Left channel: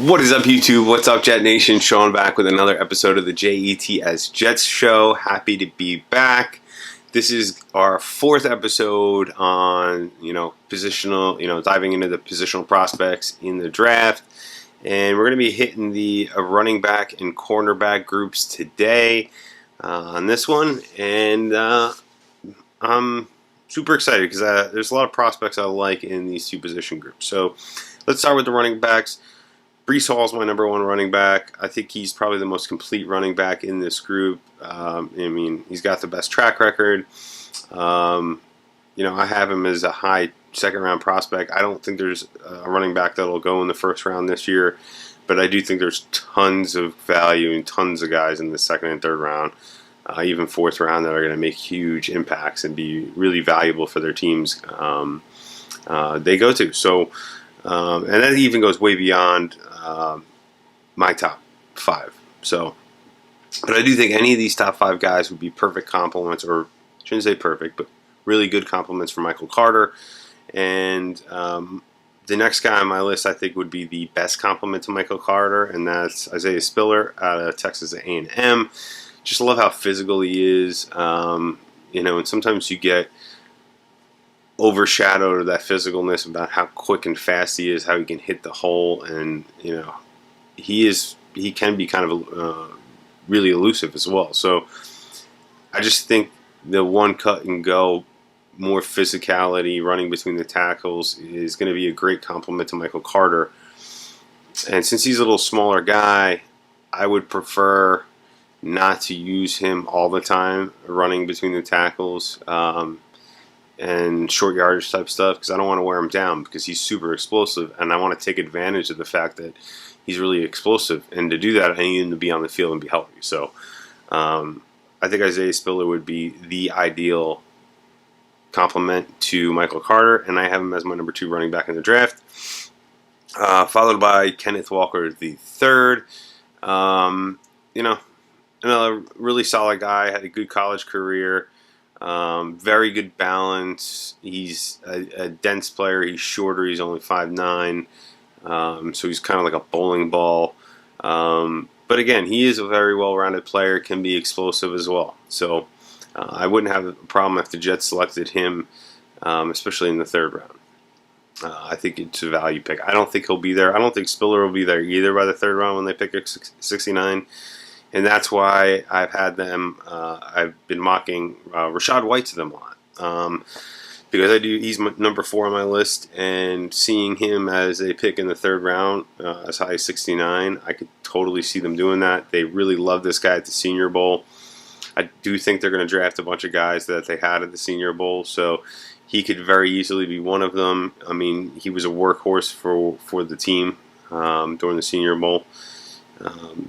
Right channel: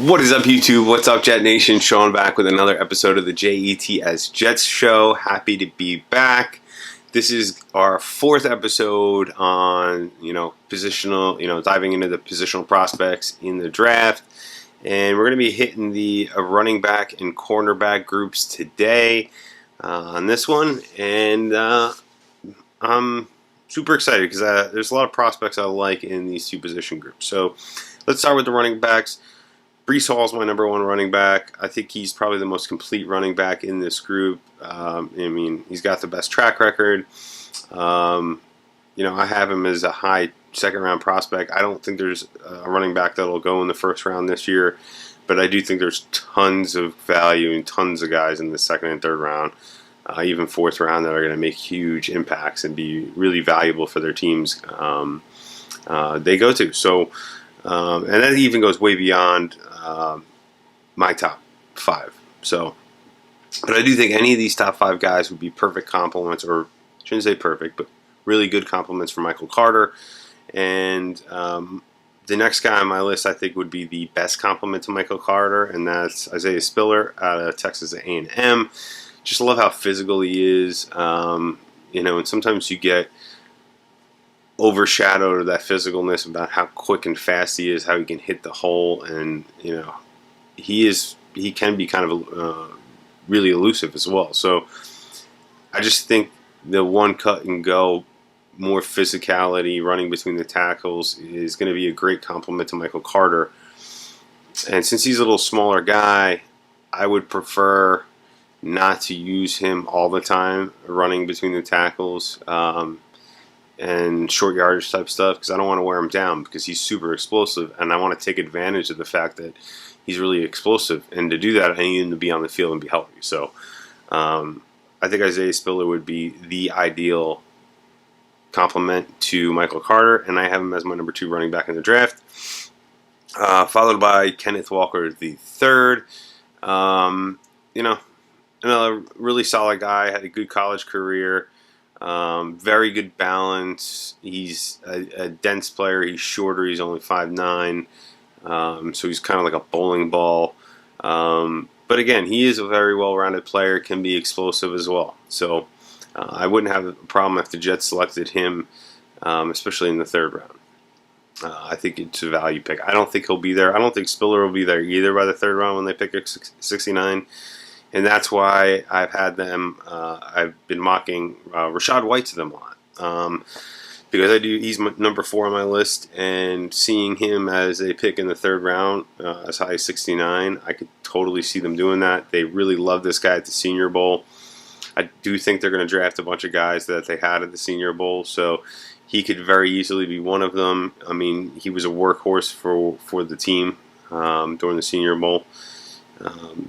What is up, YouTube? What's up, Jet Nation? Sean back with another episode of the JETS Jets Show. Happy to be back. This is our fourth episode on, positional, diving into the positional prospects in the draft. And we're going to be hitting the running back and cornerback groups today on this one. And I'm super excited because there's a lot of prospects I like in these two position groups. So let's start with the running backs. Breese Hall is my number one running back. I think he's probably the most complete running back in this group. He's got the best track record. I have him as a high second-round prospect. I don't think there's a running back that will go in the first round this year, but I do think there's tons of value and tons of guys in the second and third round, even fourth round, that are going to make huge impacts and be really valuable for their teams they go to. So, and that even goes way beyond my top five. So, but I do think any of these top five guys would be perfect compliments, or I shouldn't say perfect, but really good compliments for Michael Carter. And the next guy on my list, I think, would be the best compliment to Michael Carter, and that's Isaiah Spiller out of Texas A&M. Just love how physical he is, and sometimes you get overshadowed of that physicalness about how quick and fast he is, how he can hit the hole, and he can be kind of really elusive as well. So I just think the one cut and go, more physicality, running between the tackles is going to be a great compliment to Michael Carter. And since he's a little smaller guy, I would prefer not to use him all the time running between the tackles and short yardage type stuff, because I don't want to wear him down, because he's super explosive, and I want to take advantage of the fact that he's really explosive. And to do that, I need him to be on the field and be healthy. So I think Isaiah Spiller would be the ideal complement to Michael Carter, and I have him as my number 2 running back in the draft, followed by Kenneth Walker the third. Another really solid guy, had a good college career, very good balance. He's a dense player. He's shorter. He's only 5'9", so he's kind of like a bowling ball. But again, he is a very well-rounded player, can be explosive as well. So I wouldn't have a problem if the Jets selected him, especially in the third round. I think it's a value pick. I don't think he'll be there. I don't think Spiller will be there either by the third round when they pick at 69. And that's why I've had them. I've been mocking Rachaad White to them a lot, because he's number 4 on my list, and seeing him as a pick in the third round, as high as 69, I could totally see them doing that. They really love this guy at the Senior Bowl. I do think they're going to draft a bunch of guys that they had at the Senior Bowl, so he could very easily be one of them. I mean, he was a workhorse for the team during the Senior Bowl.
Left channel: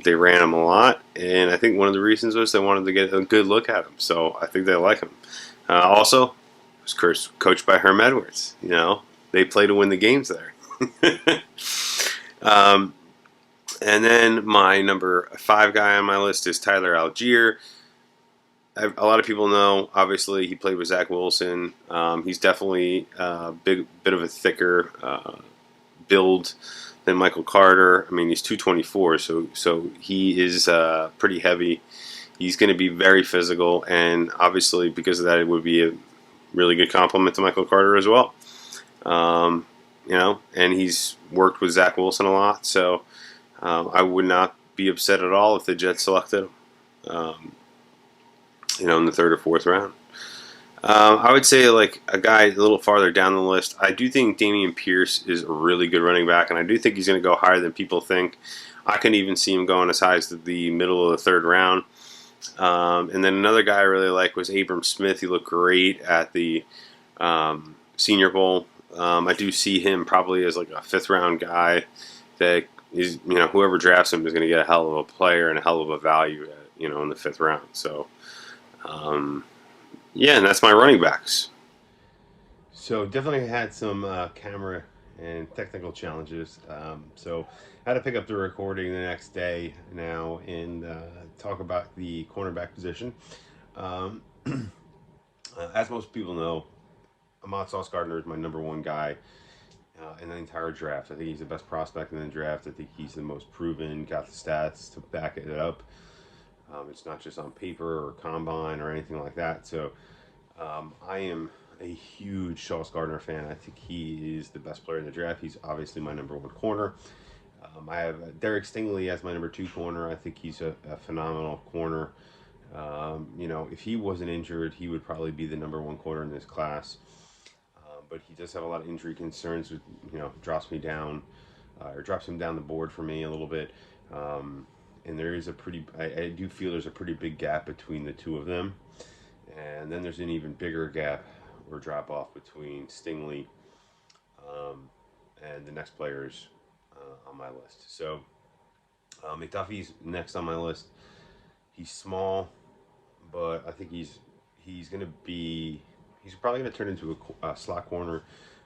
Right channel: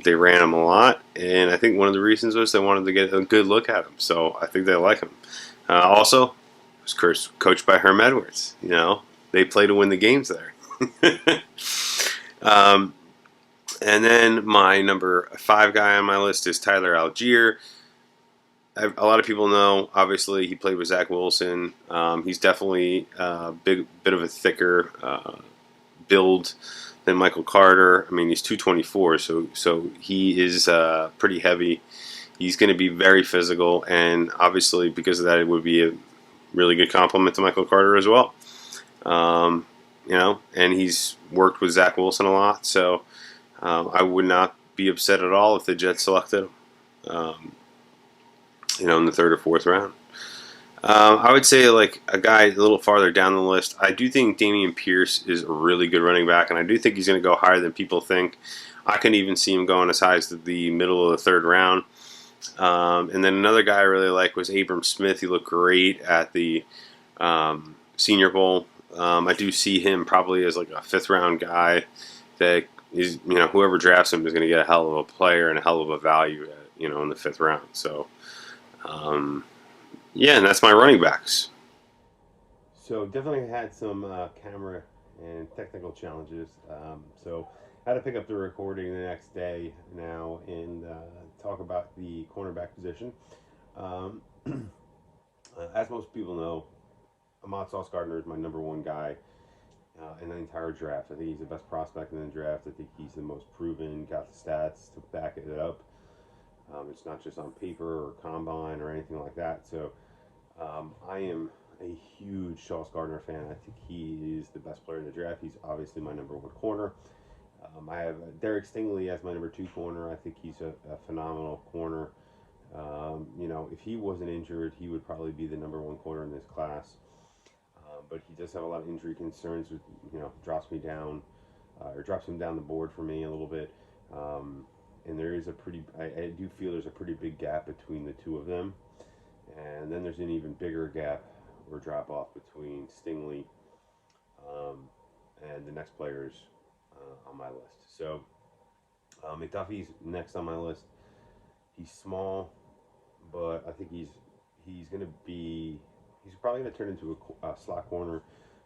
They ran him a lot, and I think one of the reasons was they wanted to get a good look at him. So I think they like him. Also, he was coached by Herm Edwards. They play to win the games there. And then my number 5 guy on my list is Tyler Algiere. A lot of people know, obviously, he played with Zach Wilson. He's definitely a bit of a thicker build than Michael Carter. I mean, he's 224, so he is pretty heavy. He's going to be very physical, and obviously, because of that, it would be a really good compliment to Michael Carter as well. And he's worked with Zach Wilson a lot, so I would not be upset at all if the Jets selected him, in the third or fourth round. I would say, like, a guy a little farther down the list, I do think Damien Pierce is a really good running back, and I do think he's going to go higher than people think. I can even see him going as high as the middle of the third round. And then another guy I really like was Abram Smith. He looked great at the Senior Bowl. I do see him probably as like a fifth-round guy that is, whoever drafts him is going to get a hell of a player and a hell of a value in the fifth round. So, yeah, and that's my running backs. So definitely had some camera and technical challenges. So I had to pick up the recording the next day now and talk about the cornerback position. As most people know, Ahmad Sauce Gardner is my number 1 guy in the entire draft. I think he's the best prospect in the draft. I think he's the most proven, got the stats to back it up. It's not just on paper or combine or anything like that. So I am a huge Sauce Gardner fan. I think he is the best player in the draft. He's obviously my number 1 corner. I have Derek Stingley as my number 2 corner. I think he's a phenomenal corner. You know, if he wasn't injured, he would probably be the number 1 corner in this class. But he does have a lot of injury concerns, which, you know, drops him down the board for me a little bit. And there is I do feel there's a pretty big gap between the two of them. And then there's an even bigger gap or drop off between Stingley and the next players on my list. So Mcduffie's next on my list. He's small, but I think he's probably going to turn into a slot corner,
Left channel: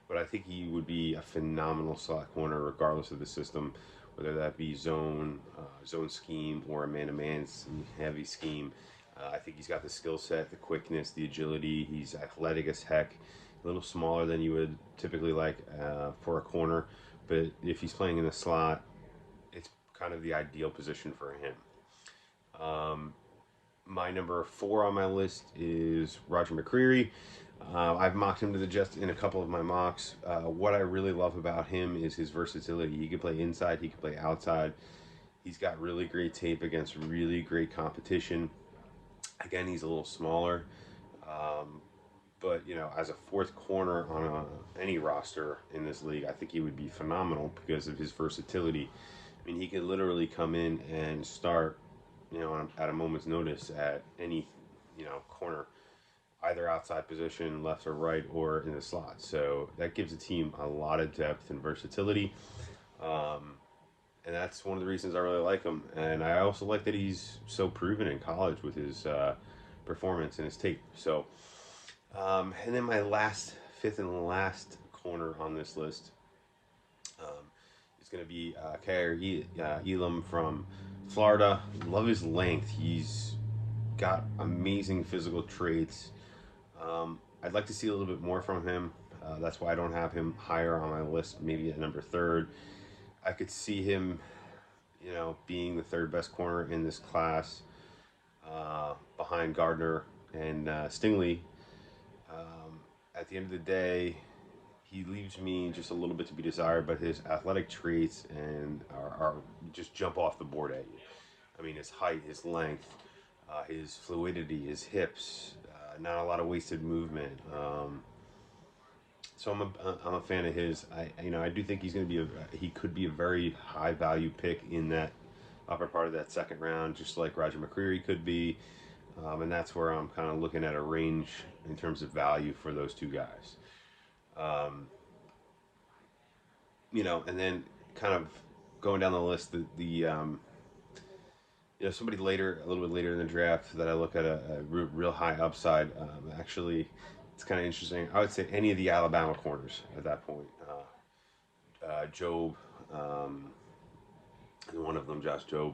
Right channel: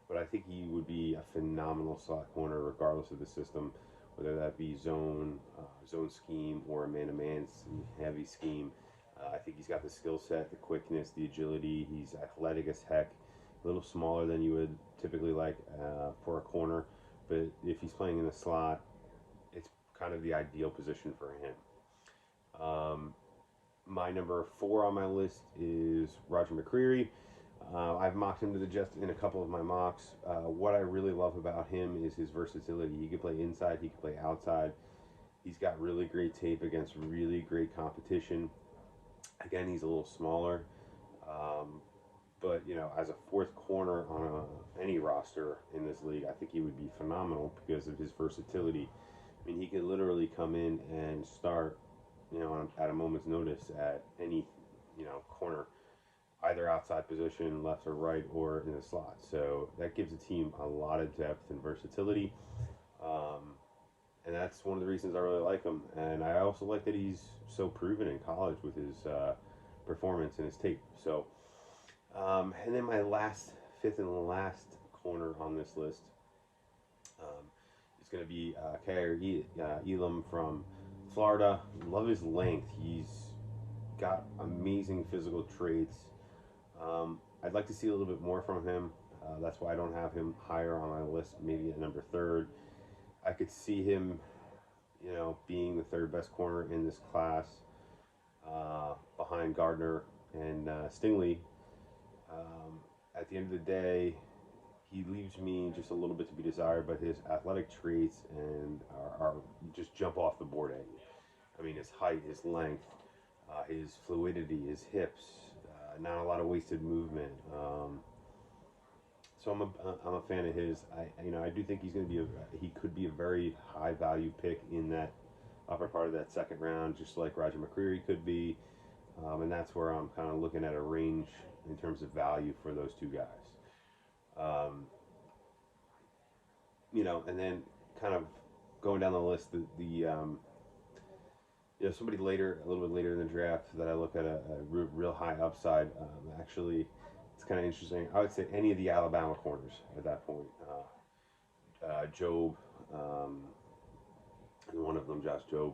but I think he would be a phenomenal slot corner regardless of the system, whether that be zone scheme or a man-to-man heavy scheme. I think he's got the skill set, the quickness, the agility. He's athletic as heck, a little smaller than you would typically like for a corner, but if he's playing in the slot, it's kind of the ideal position for him. My number 4 on my list is Roger Mccreery. I've mocked him to the Jets in a couple of my mocks. What I really love about him is his versatility. He can play inside, he can play outside. He's got really great tape against really great competition. Again, he's a little smaller, but you know, as a 4th corner on any roster in this league, I think he would be phenomenal because of his versatility. I mean, he can literally come in and start, you know, at a moment's notice at any, you know, corner, either outside position, left or right, or in the slot. So that gives the team a lot of depth and versatility. And that's one of the reasons I really like him. And I also like that he's so proven in college with his performance and his tape. So, and then my 5th and last corner on this list is going to be Kyer Elam from Florida. Love his length. He's got amazing physical traits. I'd like to see a little bit more from him. That's why I don't have him higher on my list, maybe at number 3rd. I could see him, you know, being the 3rd best corner in this class, behind Gardner and Stingley. At the end of the day, he leaves me just a little bit to be desired, but his athletic traits and are just jump off the board at you. I mean, his height, his length, his fluidity, his hips, not a lot of wasted movement. So I'm a fan of his. I do think he's going to be he could be a very high value pick in that upper part of that 2nd round, just like Roger Mccreery could be. And that's where I'm kind of looking at a range in terms of value for those two guys. You know, and then kind of going down the list, you know, somebody later, a little bit later in the draft that I look at a real high upside. Actually, it's kind of interesting. I would say any of the Alabama corners at that point. Job, and one of them, Josh Job.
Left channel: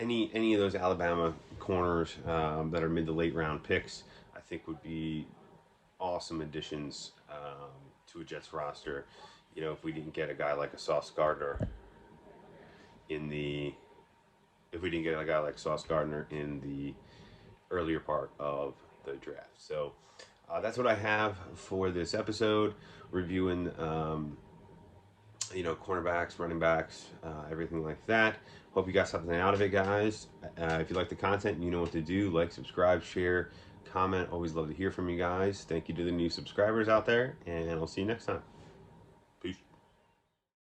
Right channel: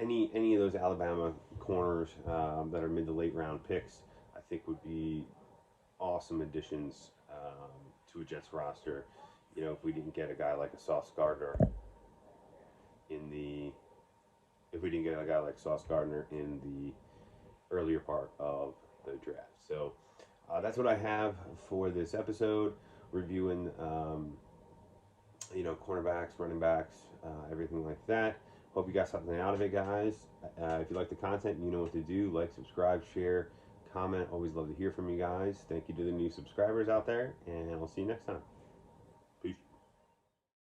Any of those Alabama corners that are mid to late round picks, I think would be awesome additions to a Jets roster. You know, if we didn't get a guy like a Sauce Gardner in the earlier part of the draft. So that's what I have for this episode, reviewing you know, cornerbacks, running backs, everything like that. Hope you got something out of it, guys. If you like the content, you know what to do. Like, subscribe, share, comment. Always love to hear from you guys. Thank you to the new subscribers out there, and I'll see you next time.